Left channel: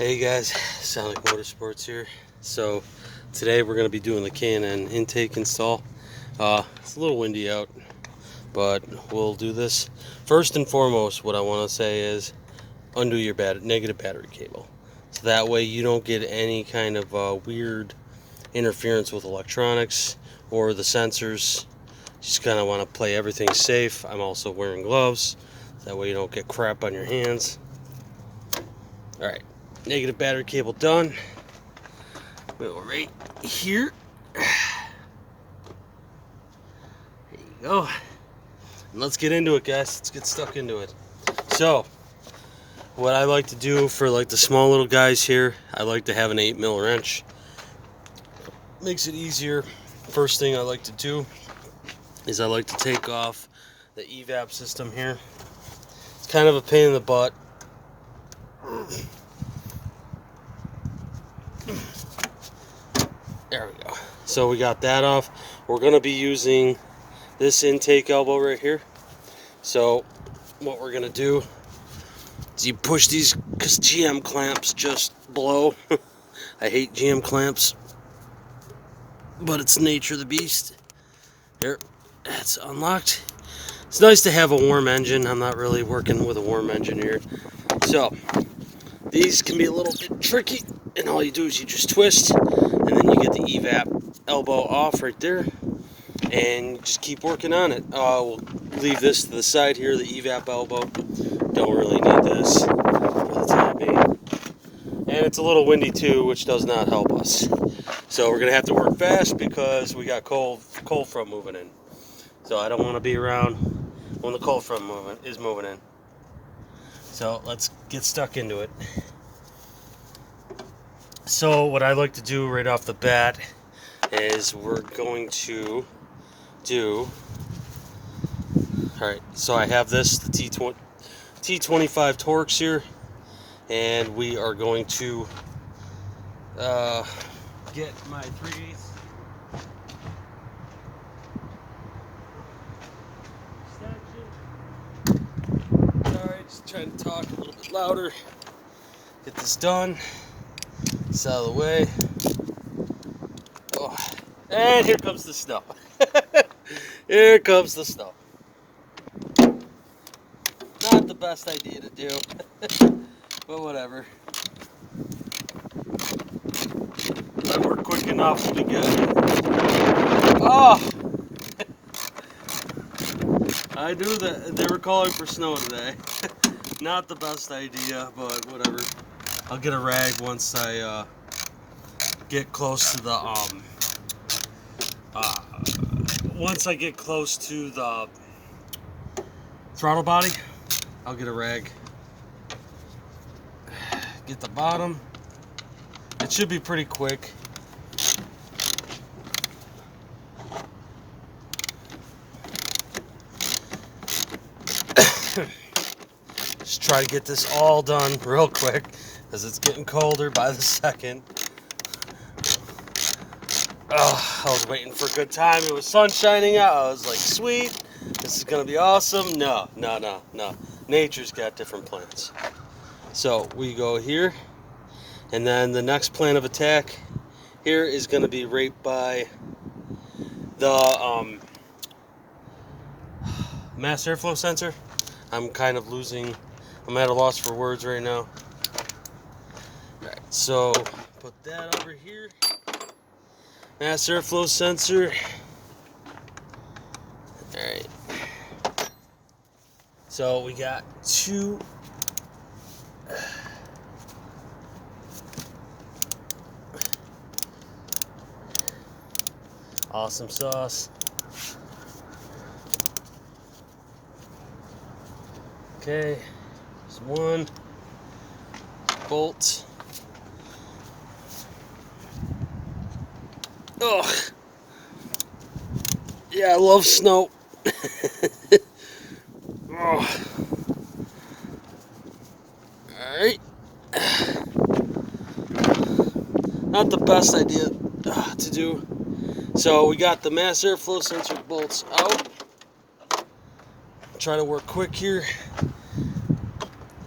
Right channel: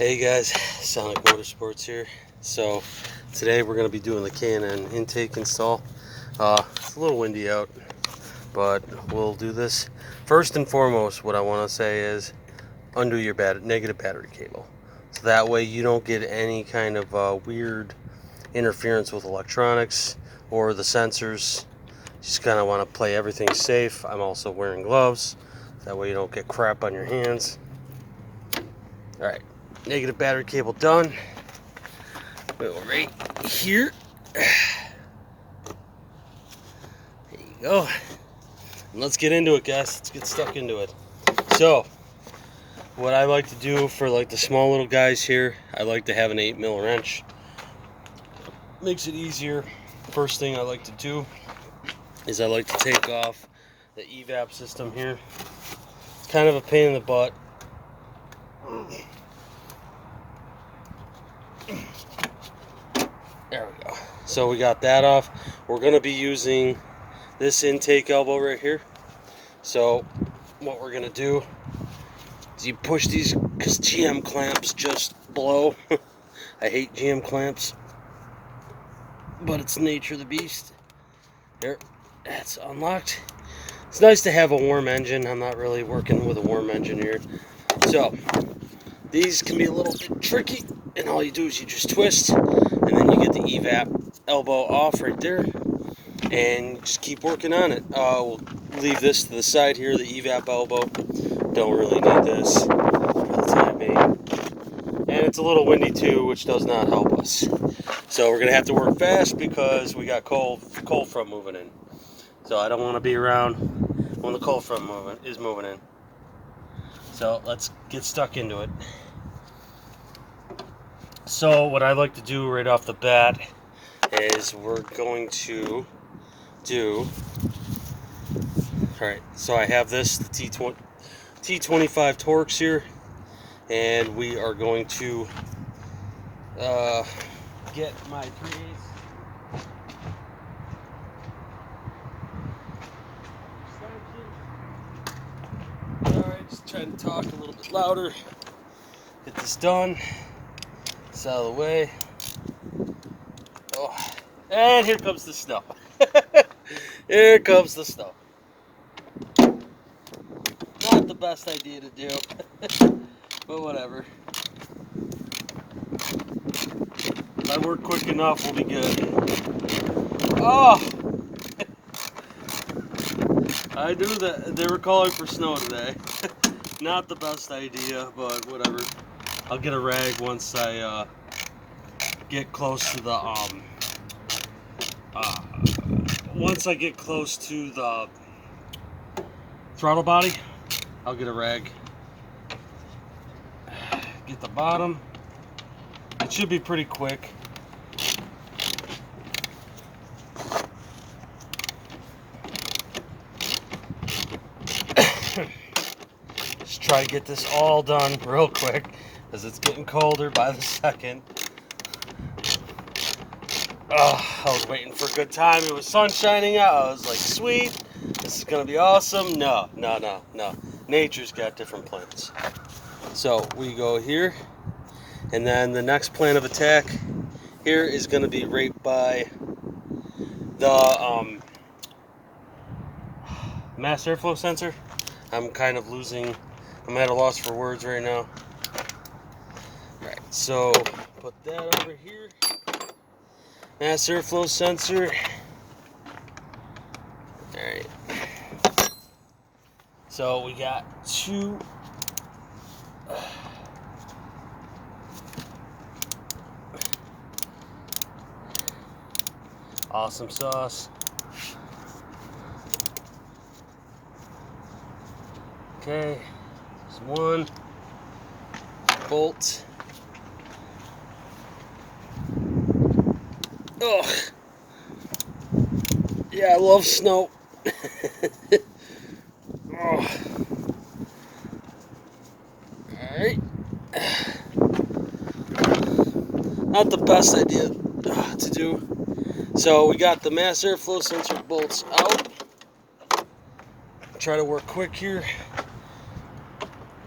Hey guys, Sonic Motorsports here. So today we're going to be doing the K&N intake install. It's a little windy out, but we'll do this. First and foremost, what I want to say is undo your negative battery cable. So that way you don't get any kind of weird interference with electronics or the sensors. Just kind of want to play everything safe. I'm also wearing gloves. That way you don't get crap on your hands. Alright, negative battery cable done. Go right here. There you go. And let's get into it, guys. Let's get stuck into it. So, what I like to do for like the small little guys here, I like to have an 8mm wrench. Makes it easier. First thing I like to do is I like to take off the evap system here. It's kind of a pain in the butt. There we go. So we got that off. We're going to be using this intake elbow right here. So what we're going to do is you push these, because GM clamps just blow. I hate GM clamps, but it's the nature of the beast. There, it's unlocked. It's nice to have a warm engine. I'm not really working with a warm engine here. So these can be a little bit tricky, and all you do is you just twist, and then you get the evap elbow off right there, and just keep working on it. We'll leave this to the side here, the evap elbow. Don't really need this for the time being. And it's a little windy too, which does not help us. So we're going to have to work fast because we got cold front moving in. So I don't want to be around when the cold front is moving in. So let's get stuck into it. So what I like to do right off the bat is we're going to do, alright, so I have this, the T25 Torx here, and we are going to get my 3/8. Alright, just trying to talk a little bit louder. Get this done. It's out of the way. Oh. And here comes the snow. Here comes the snow. Not the best idea to do, but whatever. If I work quick enough, it'll be good. Oh! I knew that they were calling for snow today. Not the best idea, but whatever. I'll get a rag once I get close to the once I get close to the throttle body. I'll get a rag. Get the bottom. It should be pretty quick. Just try to get this all done real quick as it's getting colder by the second. I was waiting for a good time. It was sun shining out. I was like, sweet, this is gonna be awesome. No. Nature's got different plans. So we go here, and then the next plan of attack here is gonna be right by the mass airflow sensor. I'm kind of losing, I'm at a loss for words right now. Alright, so put that over here. Mass airflow sensor. Alright. So we got two. Awesome sauce. Okay, there's one bolt. Ugh. Yeah, I love snow. Alright. Not the best idea to do. So we got the mass airflow sensor bolts out. Try to work quick here.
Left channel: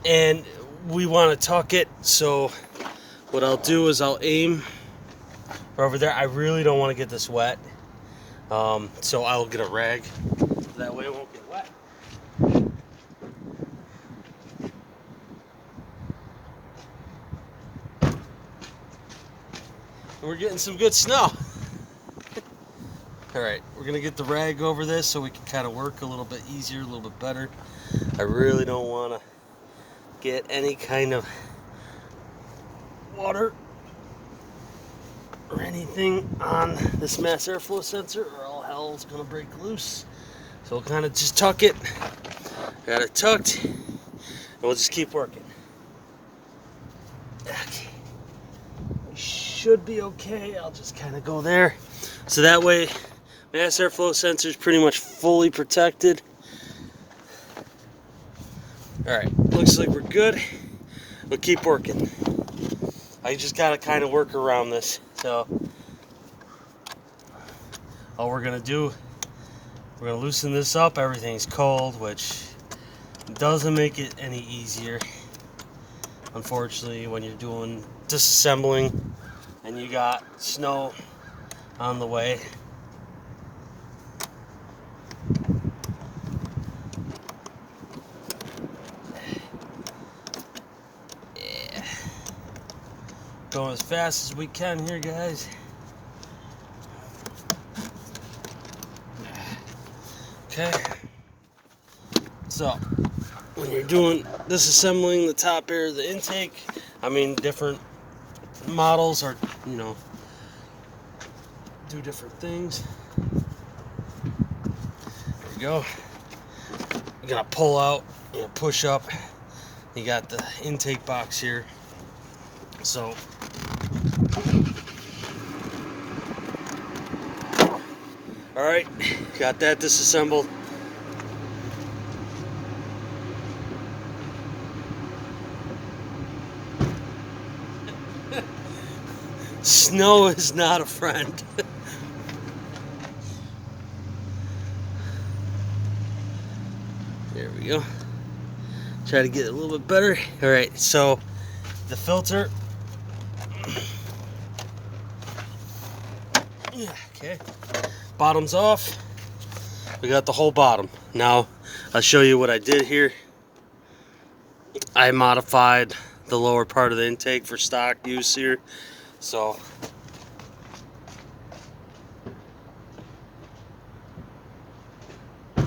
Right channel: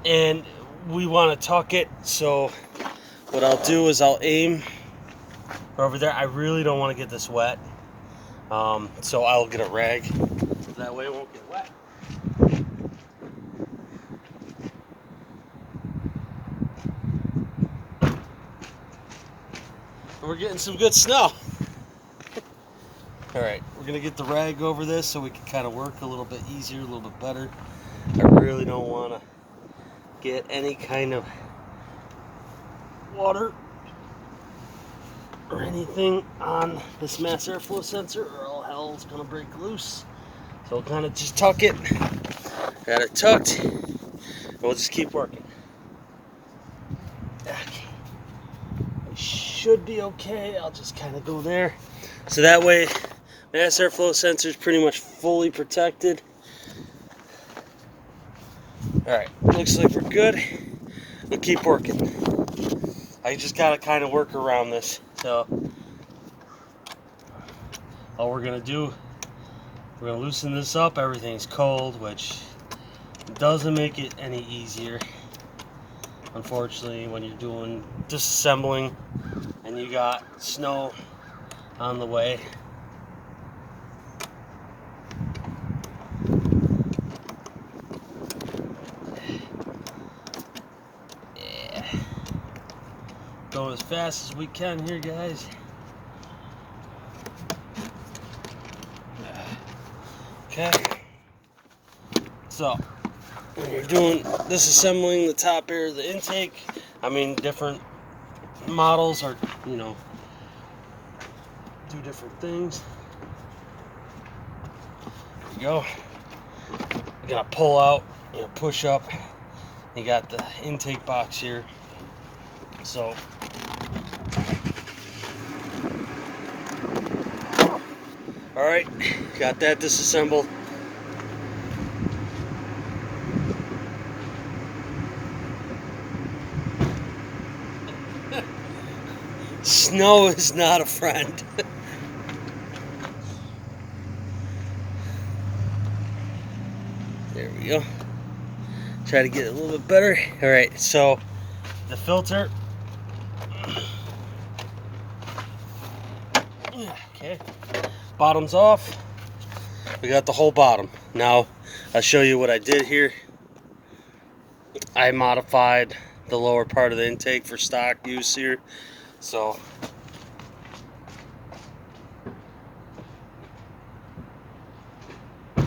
And we want to tuck it, so what I'll do is I'll aim over there. I really don't want to get this wet, so I'll get a rag. That way it won't get wet. We're getting some good snow. Alright, we're going to get the rag over this so we can kind of work a little bit easier, a little bit better. I really don't want to get any kind of water or anything on this mass airflow sensor, or all hell is going to break loose. So we'll kind of just tuck it. Got it tucked, and we'll just keep working. Okay. We should be okay. I'll just kind of go there. So that way, mass airflow sensor is pretty much fully protected. Alright, looks like we're good. We'll keep working. I just gotta kind of work around this. So all we're gonna do, we're gonna loosen this up. Everything's cold, which doesn't make it any easier, unfortunately, when you're doing disassembling and you got snow on the way. Yeah. Going as fast as we can here, guys. Okay. So, when you're doing disassembling the top air of the intake, I mean, different models are, you know, do different things. There we go. You're gonna pull out, you know, push up. You got the intake box here. So, all right, got that disassembled. Snow is not a friend. There we go. Try to get it a little bit better. All right, so the filter. Okay, bottom's off. We got the whole bottom. Now, I'll show you what I did here. I modified the lower part of the intake for stock use here. So, I'm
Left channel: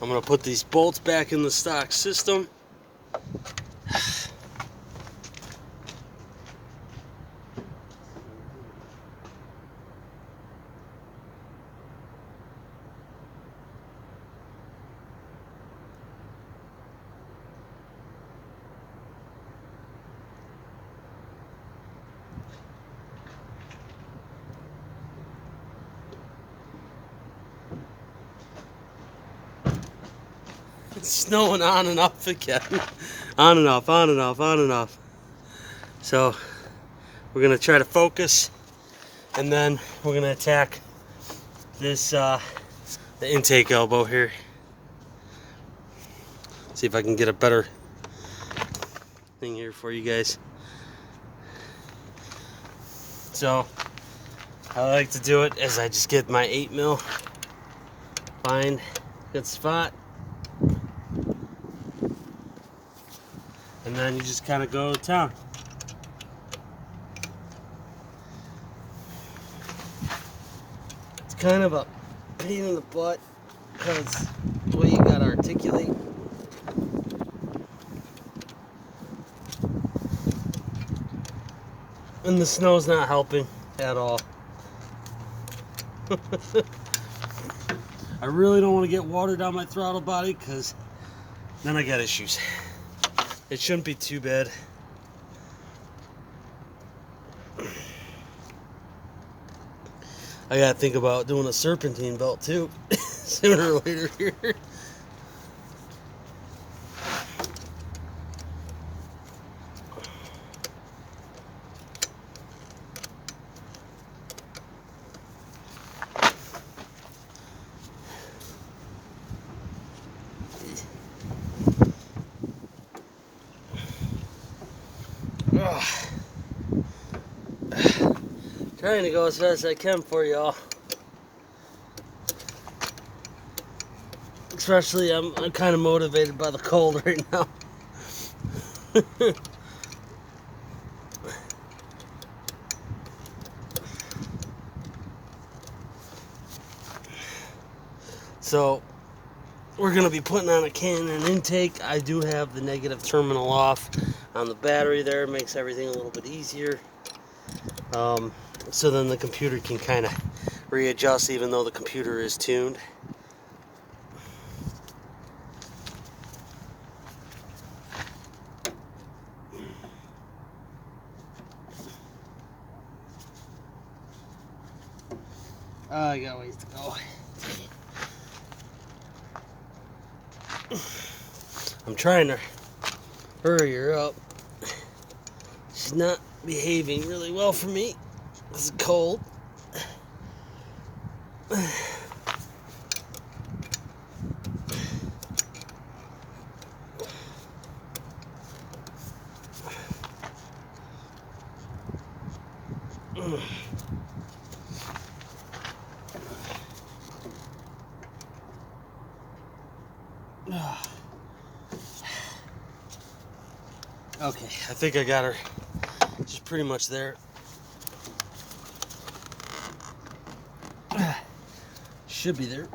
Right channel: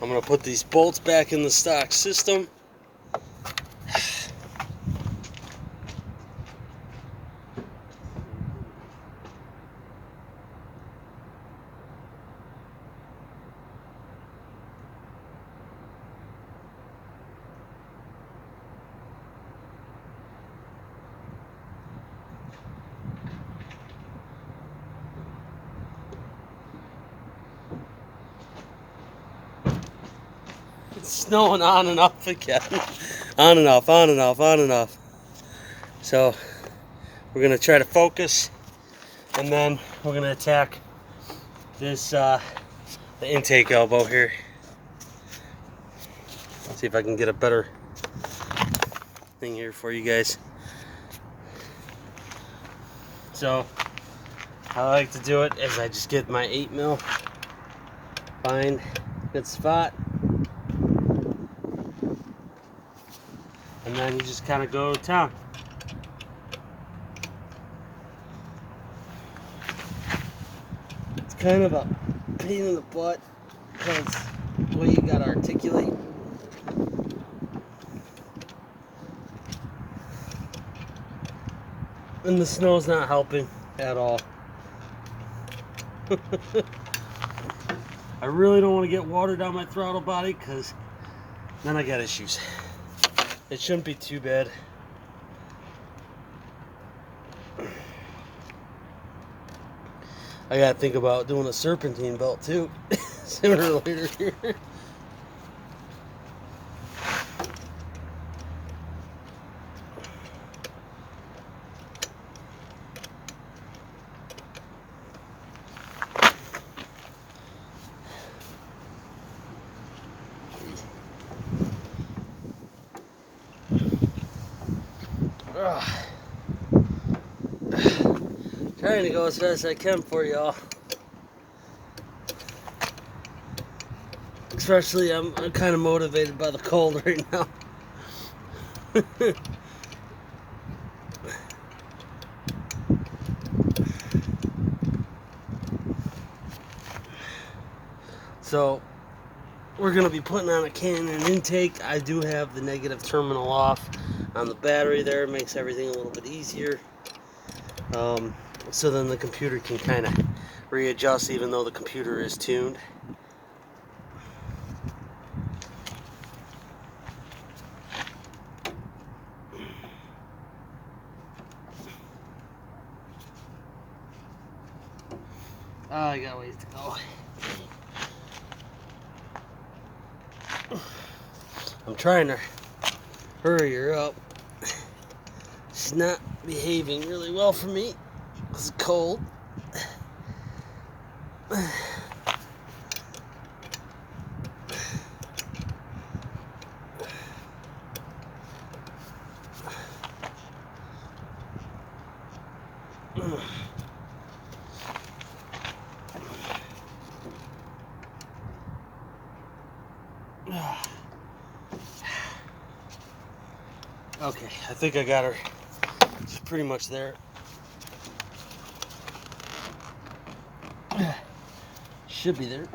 going to put these bolts back in the stock system. It's snowing on and off again. On and off, on and off, on and off. So we're gonna try to focus, and then we're gonna attack this the intake elbow here. See if I can get a better thing here for you guys. So I like to do it as I just get my 8mm, find a good spot, and then you just kind of go to town. It's kind of a pain in the butt because the way you gotta articulate. And the snow's not helping at all. I really don't want to get water down my throttle body because then I got issues. It shouldn't be too bad. I gotta think about doing a serpentine belt too sooner or later here. Ugh. Trying to go as fast as I can for y'all. Especially, I'm kind of motivated by the cold right now. So, we're going to be putting on a Canon intake. I do have the negative terminal off on the battery there. It makes everything a little bit easier. So then the computer can kind of readjust even though the computer is tuned. I got ways to go. I'm trying to hurry her up. She's not behaving really well for me. It's cold. Okay, I think I got her. She's pretty much there. Should be there.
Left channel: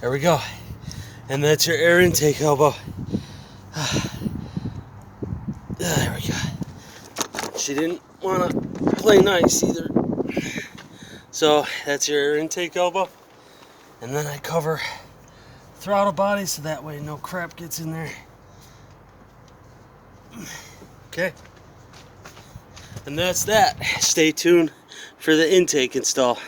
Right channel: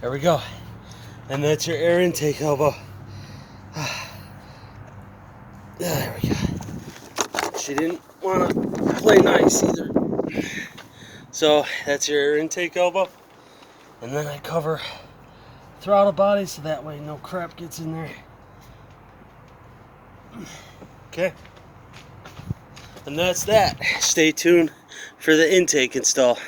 There we go. And that's your air intake elbow. There we go. She didn't want to play nice either. So that's your air intake elbow. And then I cover throttle body so that way no crap gets in there. Okay. And that's that. Stay tuned for the intake install.